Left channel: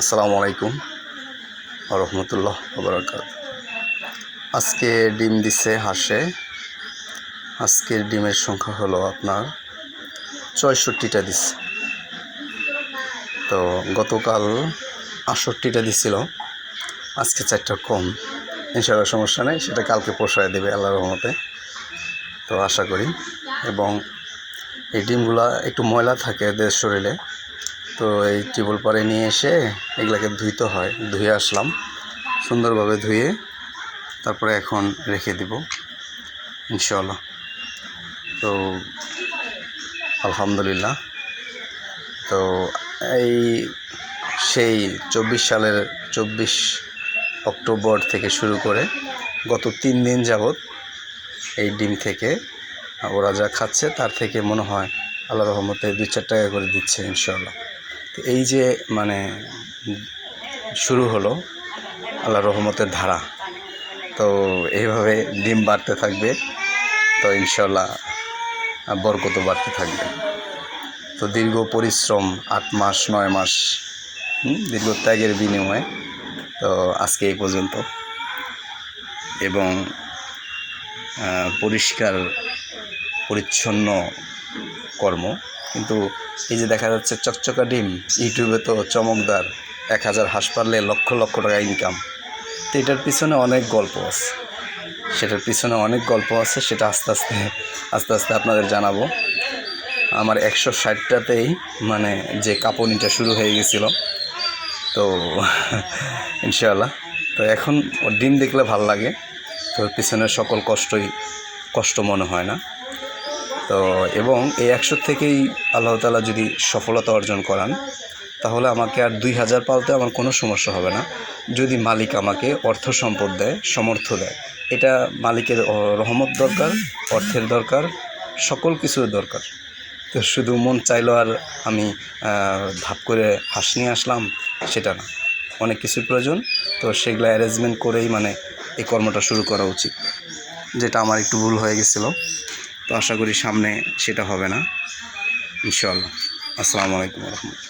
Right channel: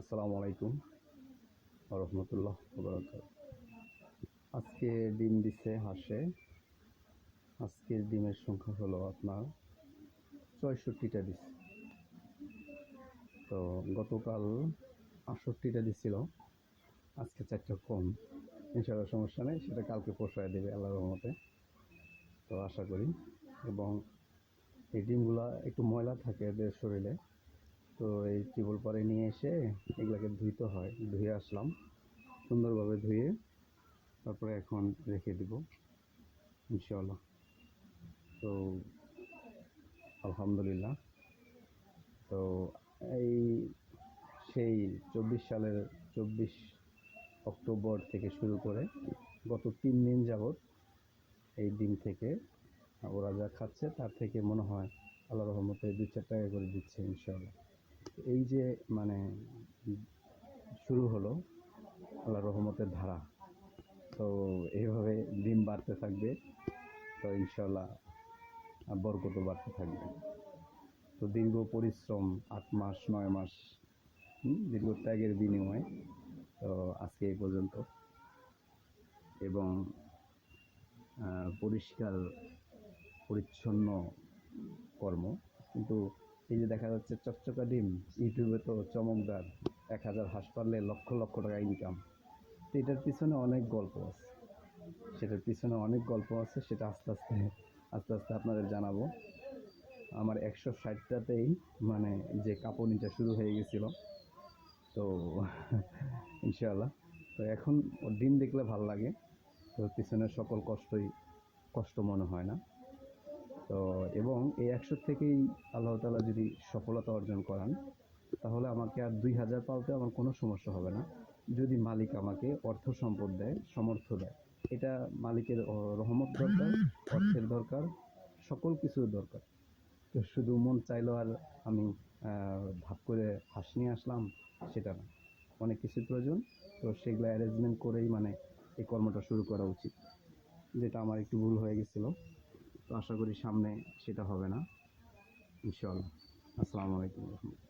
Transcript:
আসসালামু আলাইকুম রহমতুল্লাহ বারাকাত। আজকে ডিম দিছে হাঁসে। আজকের ডিমের সংখ্যা হলো আপনার ৬৪টা দিচ্ছে। তো গতকাল ৬৮টা দিছিল, আজকে 4টা কম। ইনশাআল্লাহ সমস্যা নেই, সেটা কালকে পোষায় দেবে আল্লাহর রহমতে। তো আশা করি। এবং এই ডিমগুলা একটু ময়লা থাকে এদের শরীরে, তো এই টিউবওয়েল পাড়ে নিয়ে এসে এগুলাকে ধুইতে হয়। ধুয়ে আসলাম সুন্দরভাবে, ধুয়ে তারপরে এখন রেখে দিব ইনশাআল্লাহ। তো আলহামদুলিল্লাহ। তো এই সেই 24 সালের 24 অক্টোবর থেকে শুরু করে গত 3 দিন যাবৎ এই ডিম থেকে ওরা যা খাচ্ছে তার থেকে মনে হয় আল্লাহর রহমতে 2-4 টাকা করে দিচ্ছে ইনশাআল্লাহ। তো এই যে শুরু হলো আল্লাহর রহমতের ধারা। তো এইভাবে ডিম বাড়তে থাকবে, তো ইনশাআল্লাহ বরকত বাড়তে থাকবে। তো দীর্ঘ পরিশ্রম 8 মাস 9 মাস দীর্ঘ ত্যাগের বিনিময়ে তো আজকে এই পর্যন্ত। এবং পরিষ্কার পরিচ্ছন্ন কর্ম। কিন্তু এই যে দেখা যাচ্ছে চকচকা ডিম, ইউটিউবে তো চমকদার 1000 হাঁস পারলে লক্ষ লক্ষ টাকা ইনকাম। তো এটার পিছনে অনেক গল্প আছে, সেটা আস্তে আস্তে আপনাদের জানাবো। আমার 160টাতেই যে কাঁপুনিটা শুরু হয়ে গেছিল, তো ইনশাআল্লাহ। তো এখন ওর ডিম দেখলে ভাল লাগে, তো পিছনের সকল কষ্ট মনে হয় না। তো এবং এই 100 থেকেই আল্লাহ তাআলা যদি সফলতা অর্জন করান, তাহলে আমাকে আর 2000 পালতে আমার কোনো সমস্যা হবে না, যদি মালিক আমাকে অর্থ সম্পদ দেয়, সমর্থ দেয়। এটা মালিকের রহমত দরকার, অর্থের দরকার, সকল কিছুর দরকার। তো শুধু মন চাইলো আর আমি ধাপ করে হাঁস নিয়ে আসলাম, সেটা না, অনেক কিছুর প্রয়োজন। তো সেগুলো অ্যারেঞ্জমেন্ট করেই এই কর্মটা শুরু করা উচিত, যেটা আমার একটু ভুল হয়ে গেছিলো। তো আশা করি সামনে সেটা হবে না ইনশাআল্লাহ। আসসালামু আলাইকুম রহমতুল্লাহ।